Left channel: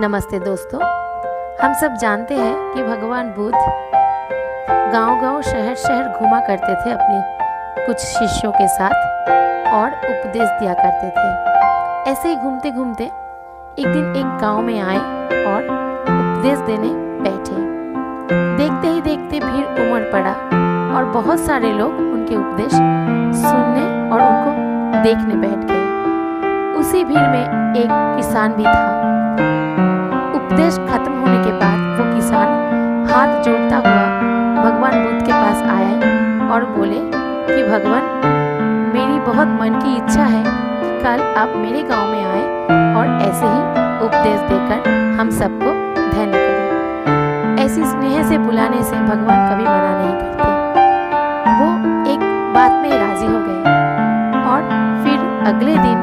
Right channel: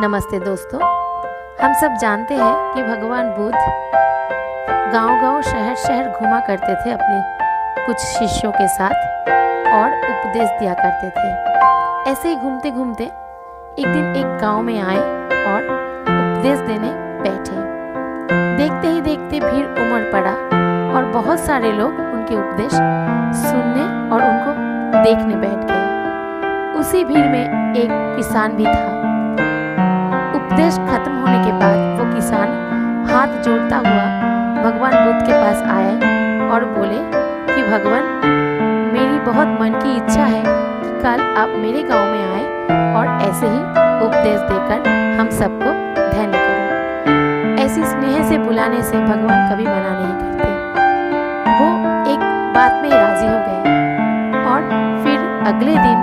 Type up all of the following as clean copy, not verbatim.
नमस्ते दोस्तों। हम सब जानते हैं कि भगवान बुद्ध गांव-गांव शहर-शहर घुमा करते थे अपने कुछ शिष्यों के साथ और उपदेश दिया करते थे। ऐसे ही घूमते-घूमते एक दिन एक गांव में आए और उपदेश देने बैठे। देखते ही देखते भीड़ उमड़ पड़ा और बहुत सारे लोग उनके उपदेश सुनने और उनको देखने बैठ गए। उसी भीड़ में एक किसान भी था। उपदेश खत्म होने के बाद वो किसान हाथ जोड़ता हुआ भगवान बुद्ध के पास आया और बोले कि भगवान, मेरी बहुत मन की इच्छा है कि कल आप मेरे गांव में आए और ऐसे ही उपदेश देकर हम सबको धन्य करें। ऐसी स्नेह से बुलाने से भगवान कभी मना नहीं करते। वो एक बात में राजी हो गए और फिर अगले दिन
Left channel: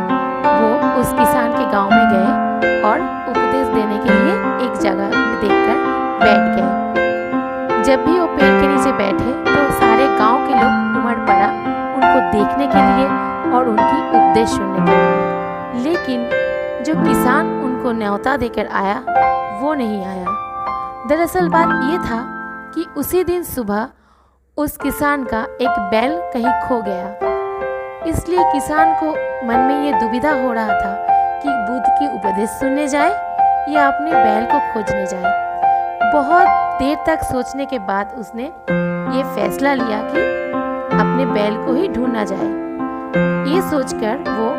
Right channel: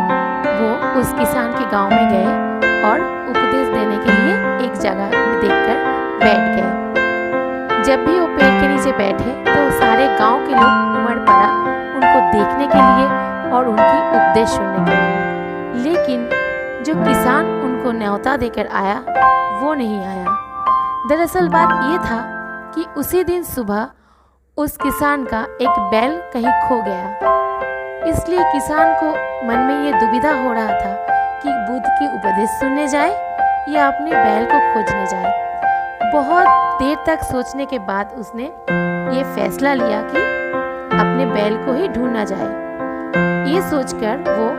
वो उस किसान के गांव में गए और उपदेश देने के लिए एक जगह देखकर बैठ गए। जब भी वो पेड़ के नीचे बैठे तो सारे गांव के लोग उमड़ पड़ा उनको देखने के लिए और उनकी उपदेश सुनने के लिए। लेकिन जो किसान उनको न्योता देकर आया वो नहीं आया। दरअसल बात ये था कि उसी दिन सुबह उस किसान का एक बैल कहीं खो गया। इसलिए किसान को मन में ये दुविधा हो रहा था कि बुद्ध के उपदेश सुनने जाए या अपने बैल को खोजने जाए। बहुत देर तक सोचने के बाद उसने ये फैसला लिया कि अपने बैल को ही ढूंढना जाए। ये सोचकर वो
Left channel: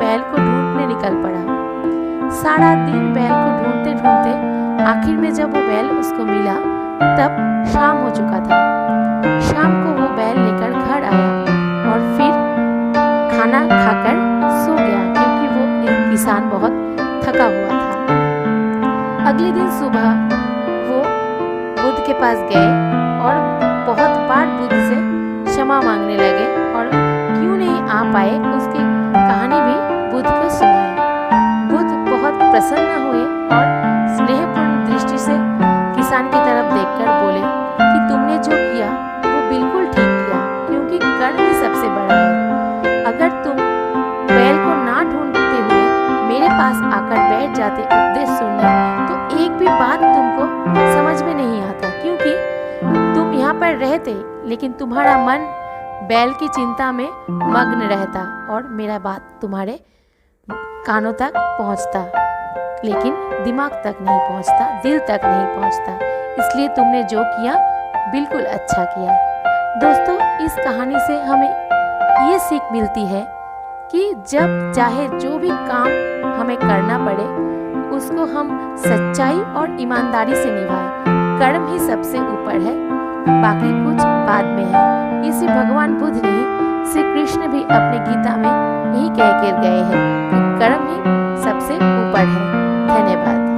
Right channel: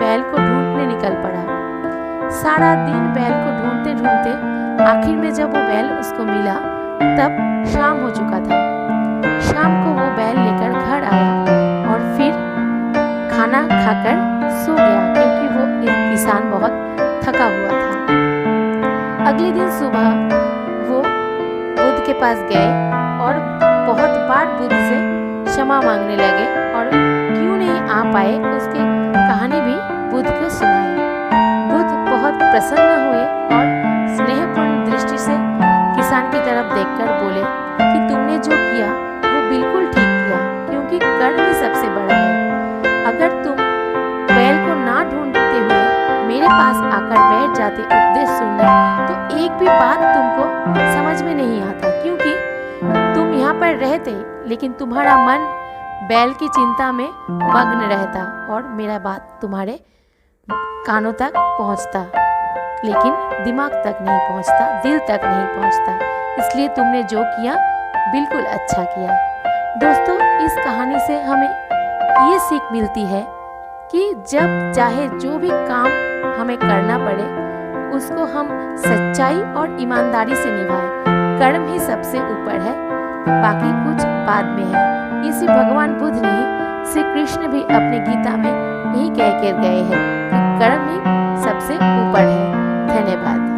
बैल को ढूंढने निकल पड़ा। सारा दिन बैल को ढूंढते ढूंढते आखिर में जब वो बैल उसको मिला तब शाम हो चुका था। शाम को वो बैल लेकर घर आया और फिर खाना खाकर सो गया क्योंकि वो किसान बहुत थका हुआ था। अगले दिन सुबह वो बुद्ध के पास गए और बहुत बार बुद्ध से क्षमा मांगने लगे और क्यों नहीं आ पाए उसकी कहानी भी बुद्ध को सुनाए। बुद्ध बहुत प्रसन्न हुए और स्नेहपूर्ण दृष्टि से किसान की तरफ देखकर बोले कि तुमने जो किया वो बिल्कुल ठीक किया, क्योंकि कर्म ही सबसे बड़ा है। अगर तुम बैल को ना ढूंढते हुए मेरे पास आकर बैठ जाते उपदेश सुनने तो एक भी बात तुमको समझ में नहीं आता, क्योंकि तुम यहाँ पर रहते लेकिन तुम्हारा मन बैल की चिंता में मग्न रहता और मेरा बात तुम्हारे कानों तक पहुँचता लेकिन दिमाग तक नहीं पहुँचता, दिल तक नहीं पहुँचता। इसलिए तुमने जो किया बिल्कुल अच्छा किया। दोस्तों, इस कहानी से हमें ये सीख मिलती है कि जब चाहे जो भी काम हमें करना पड़े उसको हम सच्चाई और ईमानदारी से निभाएं। कर्म ही सबसे ऊपर है, बाकी कुछ बाद में है। ये सिर्फ भगवान बुद्ध नहीं, श्री कृष्ण भी अपने गीता में यही कह कर गए हैं कि कर्म ही सबसे ऊपर है। धन्यवाद।